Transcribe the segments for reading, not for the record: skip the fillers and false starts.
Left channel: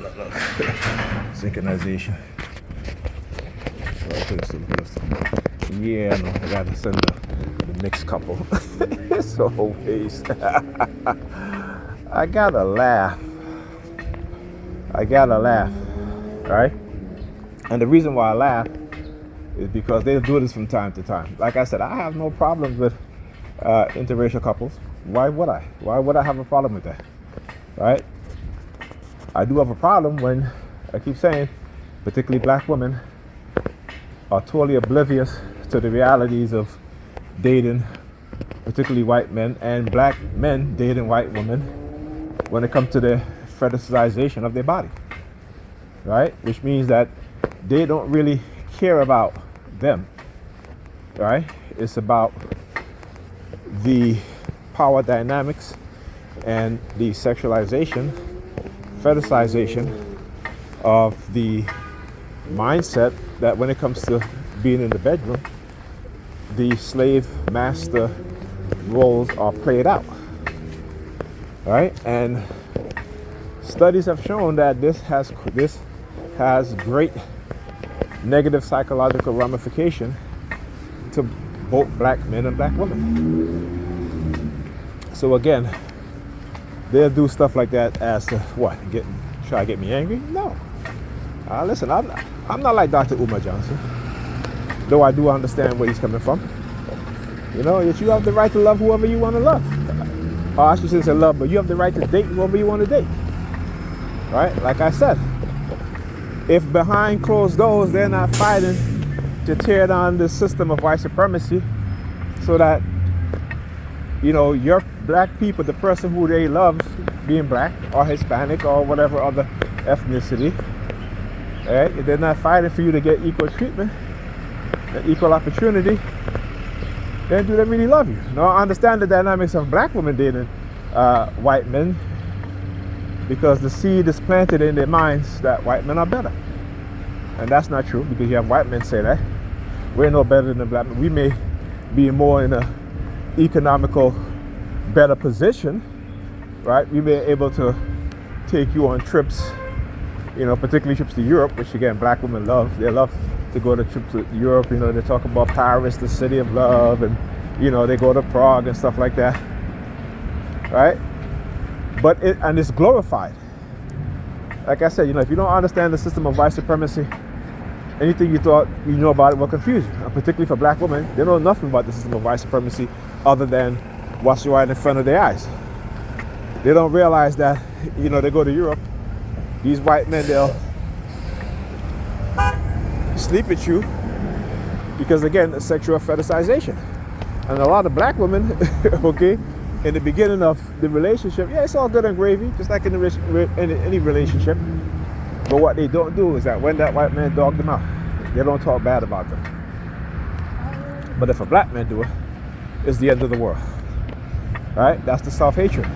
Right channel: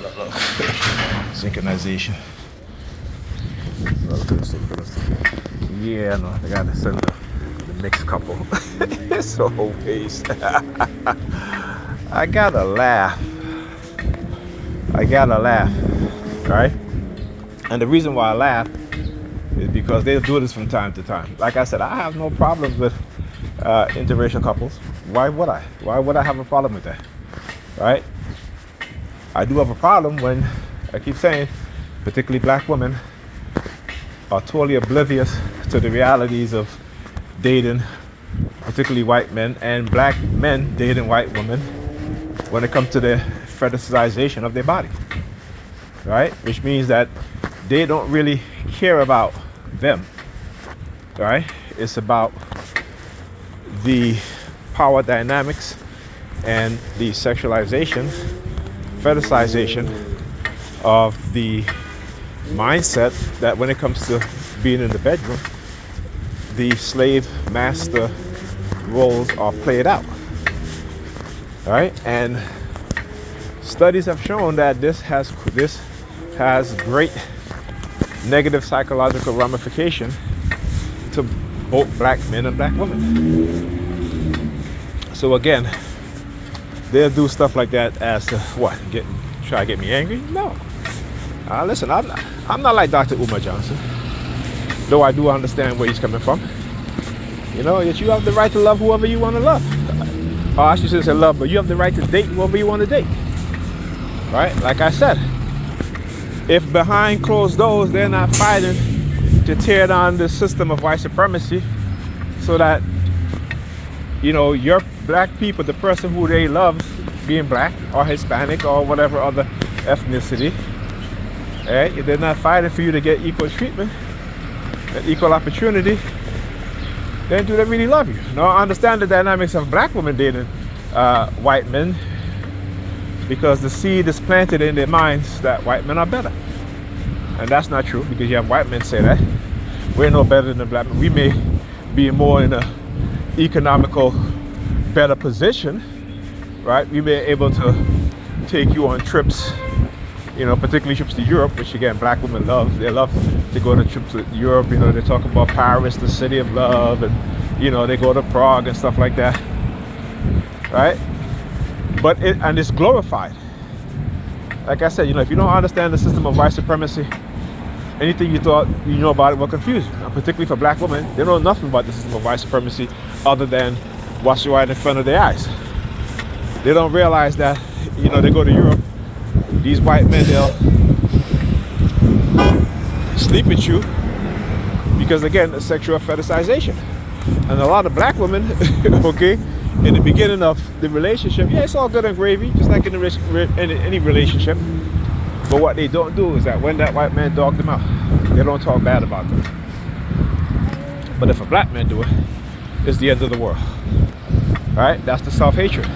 look. Synchronization. Yeah, no, I gotta send the mixed couple. It's so waste. I gotta laugh. Right? And the reason why I laugh is because they do this from time to time. Like I said, I have no problems with interracial couples. Why would I? Why would I have a problem with that? Right? I do have a problem when, I keep saying, particularly black women are totally oblivious to the realities of dating, particularly white men, and black men dating white women when it comes to the fetishization of their body. Right? Which means that they don't really care about them. Right? It's about the power dynamics and the sexualization, fetishization of the mindset that when it comes to being in the bedroom, the slave master roles are played out. Right? And studies have shown that this has great negative psychological ramification to both black men and black women. So again, they'll do stuff like that as to what? Try to get me angry? No. Listen, I'm not like Dr. Umar Johnson, though I do understand where he's coming from. You know, that you have the right to love whoever you want to love. Or I should say love, but you have the right to date whoever you want to date. Right? Like I said, if behind closed doors they're not fighting to tear down the system of white supremacy so that, you know, your black people, the person who they love being black or Hispanic or whatever other ethnicity, right? If they're not fighting for you to get equal treatment and equal opportunity, then do they really love you? Now, I understand the dynamics of black women dating white men because the seed is planted in their minds that white men are better. And that's not true, because you have white men say that. We're no better than black men. We may be more in a economical better position, right? We may be able to take you on trips, you know, particularly trips to Europe, which again, black women love. They love to go to trips to Europe. You know, they talk about Paris, the city of love, and, you know, they go to Prague and stuff like that, right? But it's glorified. Like I said, you know, if you don't understand the system of white supremacy, anything you thought you know about it will confuse you. Particularly for black women, they know nothing about the system of white supremacy other than what's right in front of their eyes. They don't realize that, you know, they go to Europe, these white men, they'll sleep with you because, again, it's sexual fetishization. And a lot of black women, okay, in the beginning of the relationship, yeah, it's all good and gravy, just like in any relationship. But what they don't do is that when that white man dogged them out, they don't talk bad about them. But if a black man do it, it's the end of the world. Right? That's the self-hatred.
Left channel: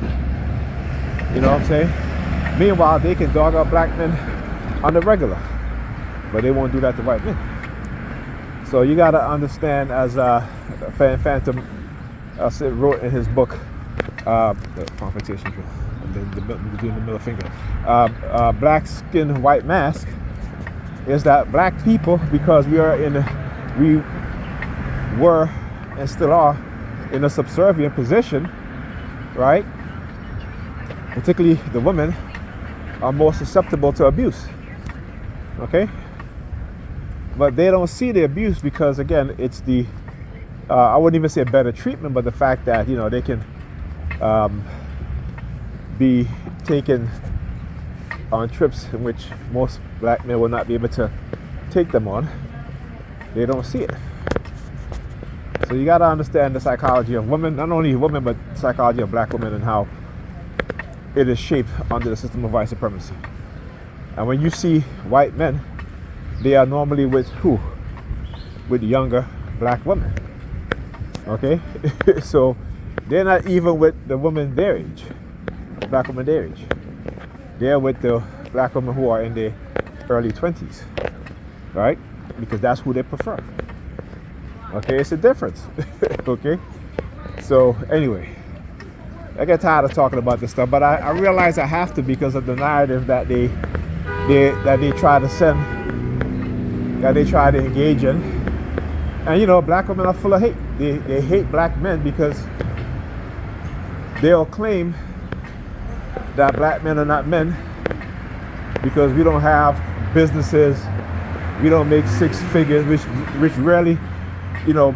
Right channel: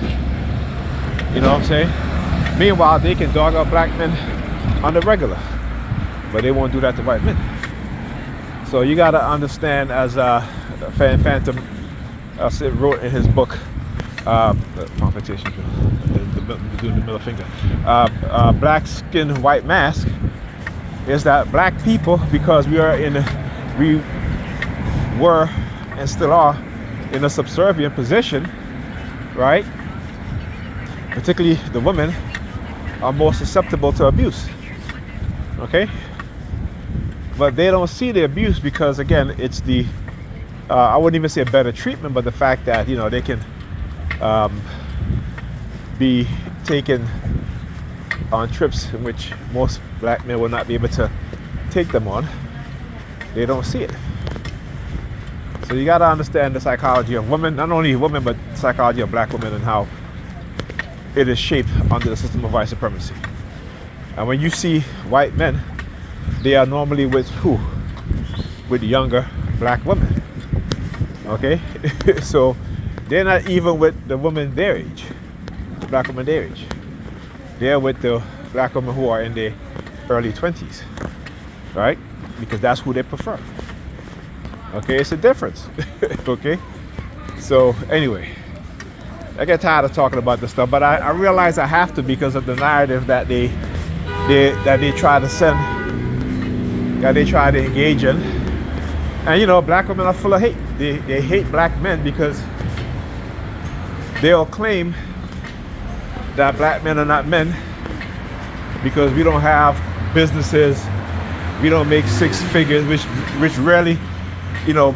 You know what I'm saying? Meanwhile, they can dog out black men on the regular, but they won't do that to white men. So you got to understand, as Phantom wrote in his book, the competition, doing the middle finger, black skin, white mask, is that black people, because we were and still are in a subservient position, right? Particularly the women are more susceptible to abuse, okay? But they don't see the abuse because, again, it's the I wouldn't even say a better treatment, but the fact that, you know, they can be taken on trips in which most black men will not be able to take them on. They don't see it. So you got to understand the psychology of women, not only women, but the psychology of black women and how it is shaped under the system of white supremacy. And when you see white men, they are normally with who? With younger black women. Okay? So they're not even with the women their age, black women their age. They're with the black women who are in their early 20s, right? Because that's who they prefer. Okay, it's a difference. Okay? So anyway, I get tired of talking about this stuff, but I realize I have to because of the narrative that they that they try to send, that they try to engage in. And you know, black women are full of hate. They hate black men because they'll claim that black men are not men because we don't have businesses, we don't make six figures, which rarely, you know,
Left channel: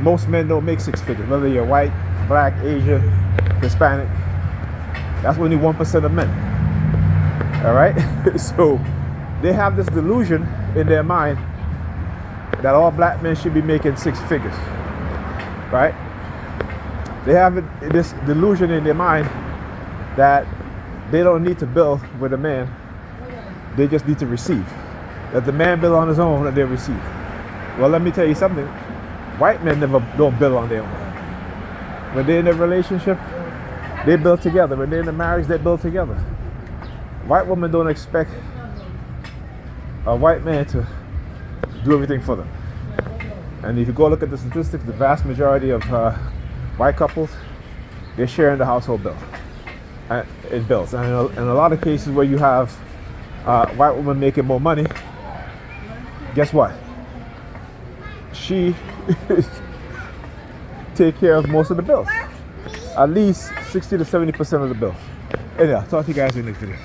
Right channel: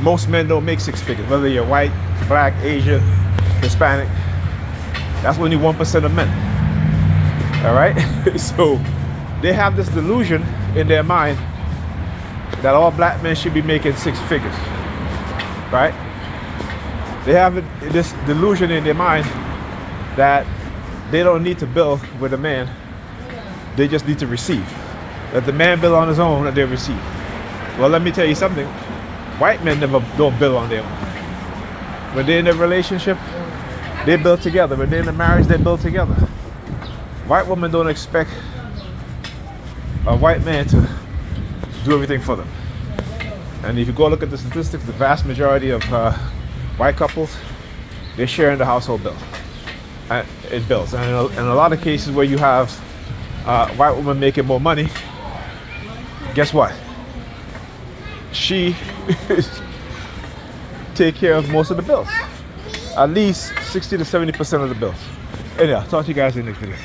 most men don't make six figures, whether you're white, black, Asian, Hispanic. That's only 1% of men. All right. So they have this delusion in their mind that all black men should be making six figures, right? They have this delusion in their mind that they don't need to build with a man, they just need to receive. That the man build on his own and they receive. Well, let me tell you something. White men don't build on their own. When they're in a relationship, they build together. When they're in a marriage, they build together. White women don't expect a white man to do everything for them. And if you go look at the statistics, the vast majority of white couples, they share in the household bill. It bills. And in a lot of cases where you have white women making more money, guess what? She take care of most of the bills. At least 60 to 70% of the bills. Anyhow, talk to you guys in the next video.